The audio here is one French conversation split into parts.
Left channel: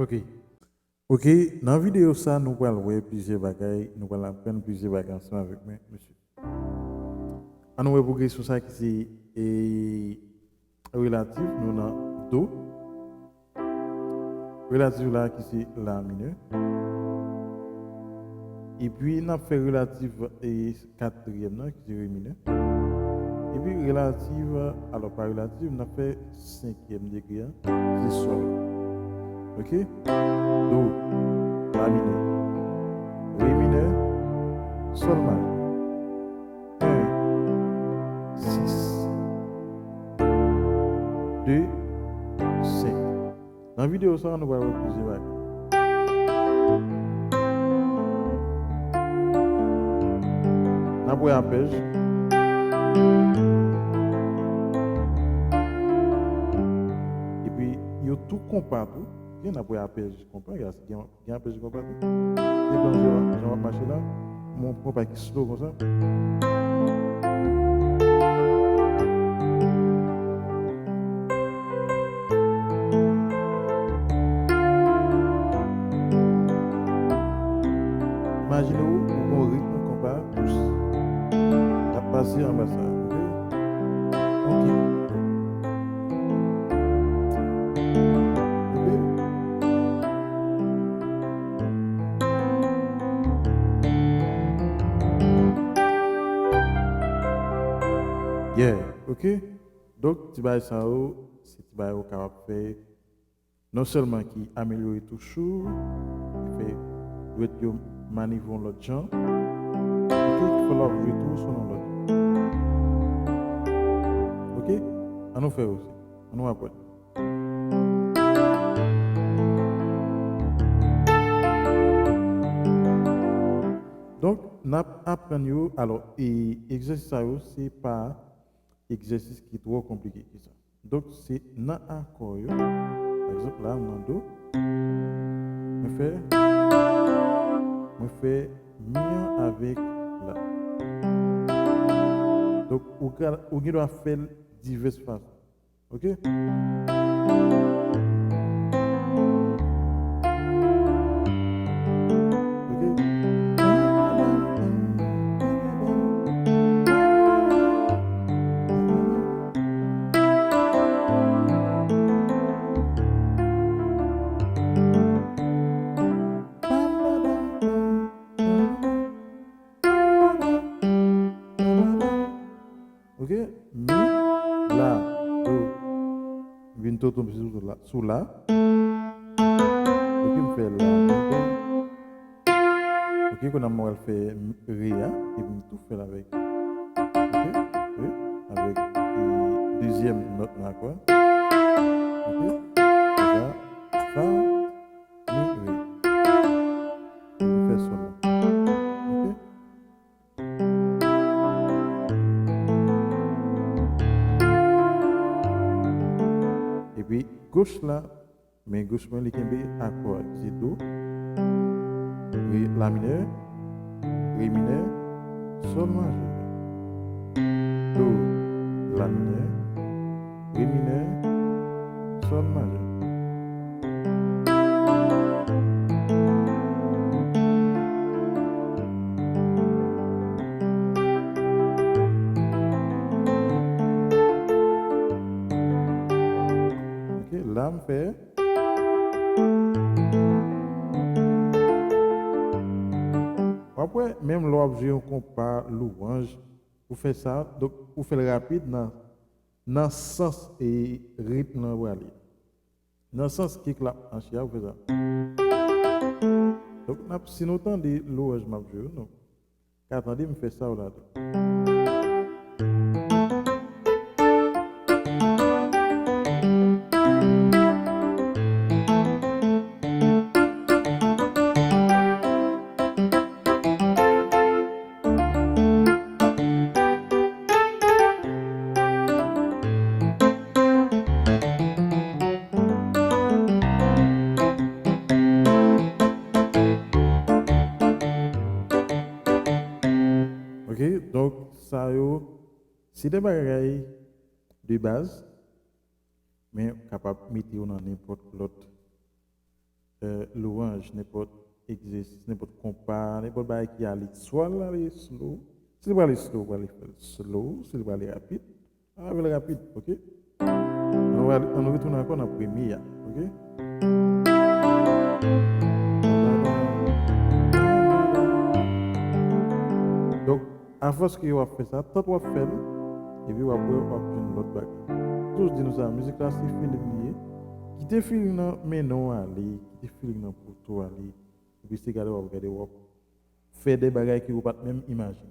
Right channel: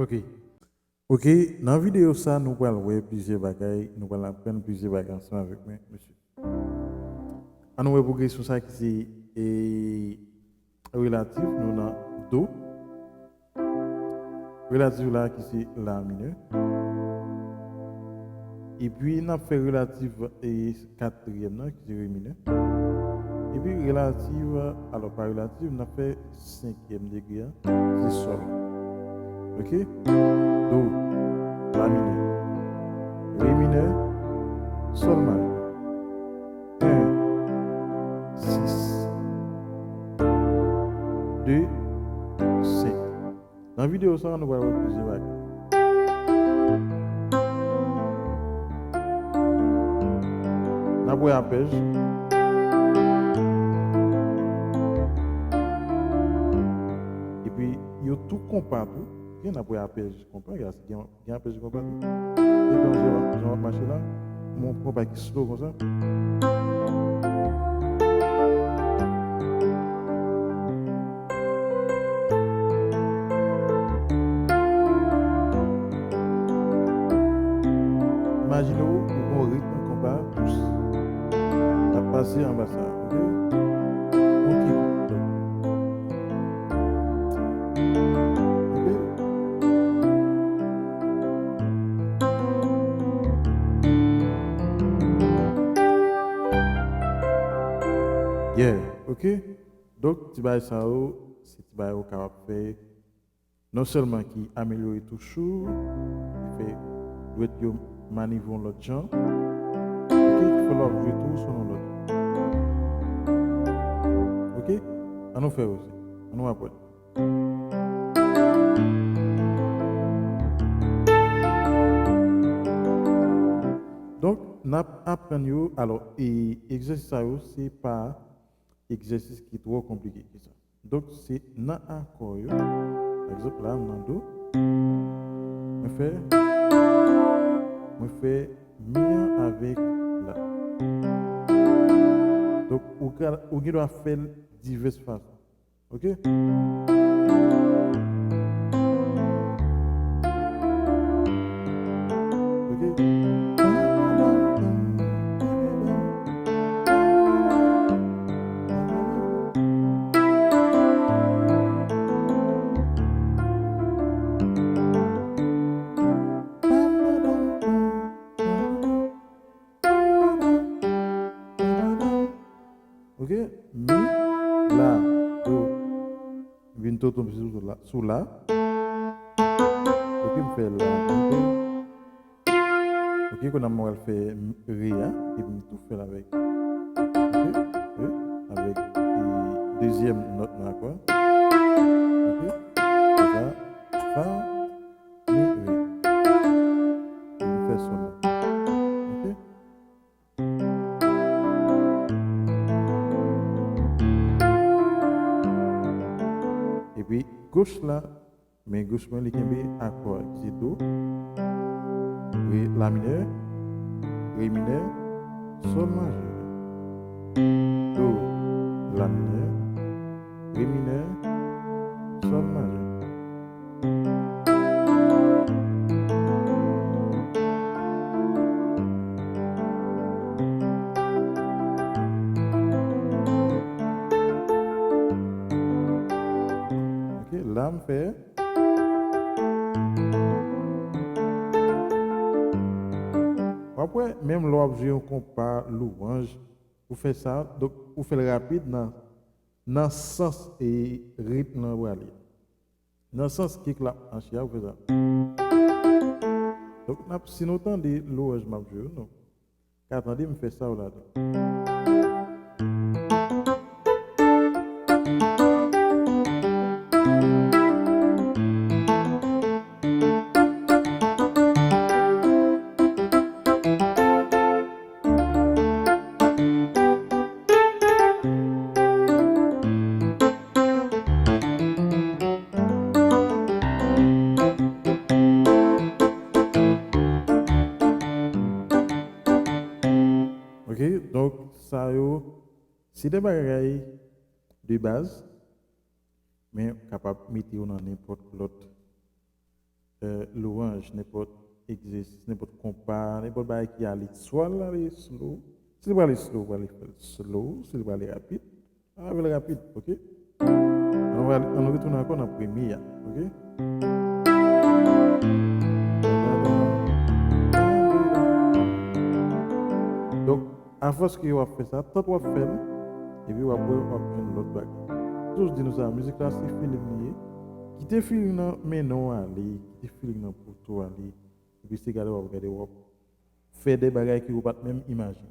Ok. Ok, dans la vidéo, ça, nous allons voir plusieurs bagailles, nous allons apprendre plusieurs bagailles ensemble avec moi, monsieur. On nous pour question ça qui est relatif, nous avons Do, relatif là qui c'est La mineur, et puis nous avons fait relatif et quatrième là qui c'est Ré mineur, et puis relative, alors pas relative, nous avons fait cinquième degré, c'est Sol. Ok? Do, La mineur, Ré mineur, Sol majeur. 1, 6, 2, 5. Dans la vidéo, ça, on va voir plusieurs bagages. On va arpège. Et puis, il y a tout compas tout. Il y a un arpège compas. Il y a un arpège compas tout. Et puis, je vais marcher là. Mon compas qui slow comme ça. Imaginez-vous un rythme compas pousse. À passer en bas ça. Ok? Ok. Yeah, ok. Donc, tu vas ça, c'est tu vas capable de faire non seulement qui améliore toujours, il fait doit être manivrer l'autre gens, ok, il faut leur jouer tout selon l'autre. Ok, on nous fait aussi, on nous apprend. Donc, nous apprenons, alors, et exercice ça, c'est pas exercice qui est trop compliqué que ça. Donc, c'est dans accord, par exemple, là, dans Do, je fais mien avec là. Donc, on doit faire diverses façons. Ok? Ok? Ok? Mi, la, do, vient tout tomber sous la. Ok, me fait la, ok, qu'on a mal fait Ria, et me tout fait avec. Ok? Oui, avec deuxième note là quoi. Ok? Ça, fa, mi, ré. Et me fait sol là. Ok? Et puis gauche là, mais gauche moi les kembe accord c'est do, ré, la mineur, ré mineur, sol majeur. Do, la mineur, ré mineur, sol majeur. Ok, là me fait. Après, même l'objet on compare louange, vous faites ça, donc vous faites le rapide dans le sens et rythme dans le aller. Dans le sens qui clap en chia, vous faites ça. Donc, si nous entendons louange, m'a joué, non. Attendez, me fait ça là. Ok, donc ça c'est des bagailles de base, mais capable de mettre dans n'importe l'autre louange, n'importe exercice, n'importe compas, n'importe bail qui allait soit aller slow, s'il va aller slow, va aller faire slow, s'il va aller rapide, on va aller rapide, ok? On retourne encore dans la première, ok? Donc, à force que vous faites ça, tant que vous faites, et puis vous avez l'autre bagage. Tous disent nous ça, la musique là, c'est feeling lié. Quittez feeling là, mais non aller, quittez feeling là pour tout aller. Et puis c'est regarder, vous faire des bagages que vous ne pouvez pas même imaginer.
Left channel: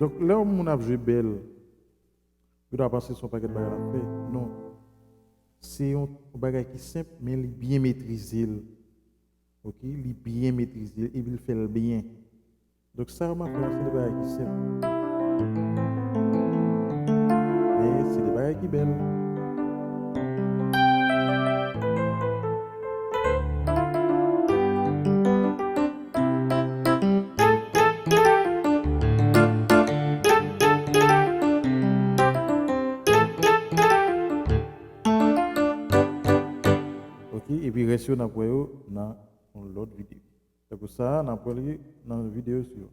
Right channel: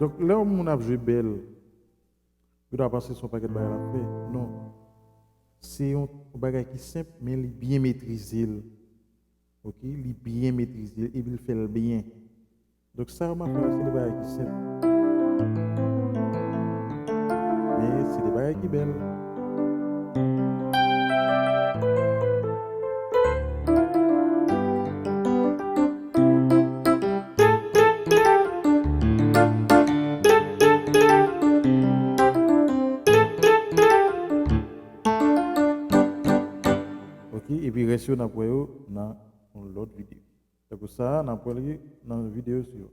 Donc là où on a joué belle, vous doit penser son paquet de bagages à faire. Non. C'est un bagage qui est simple, mais il est bien maîtrisé. Ok? Il est bien maîtrisé et il fait le bien. Donc ça, m'a fait, c'est des bagages qui sont simples. Mais c'est des bagages qui sont belles. Ok? Et puis restez dans l'autre vidéo. C'est pour ça, on a dans la vidéo suivante.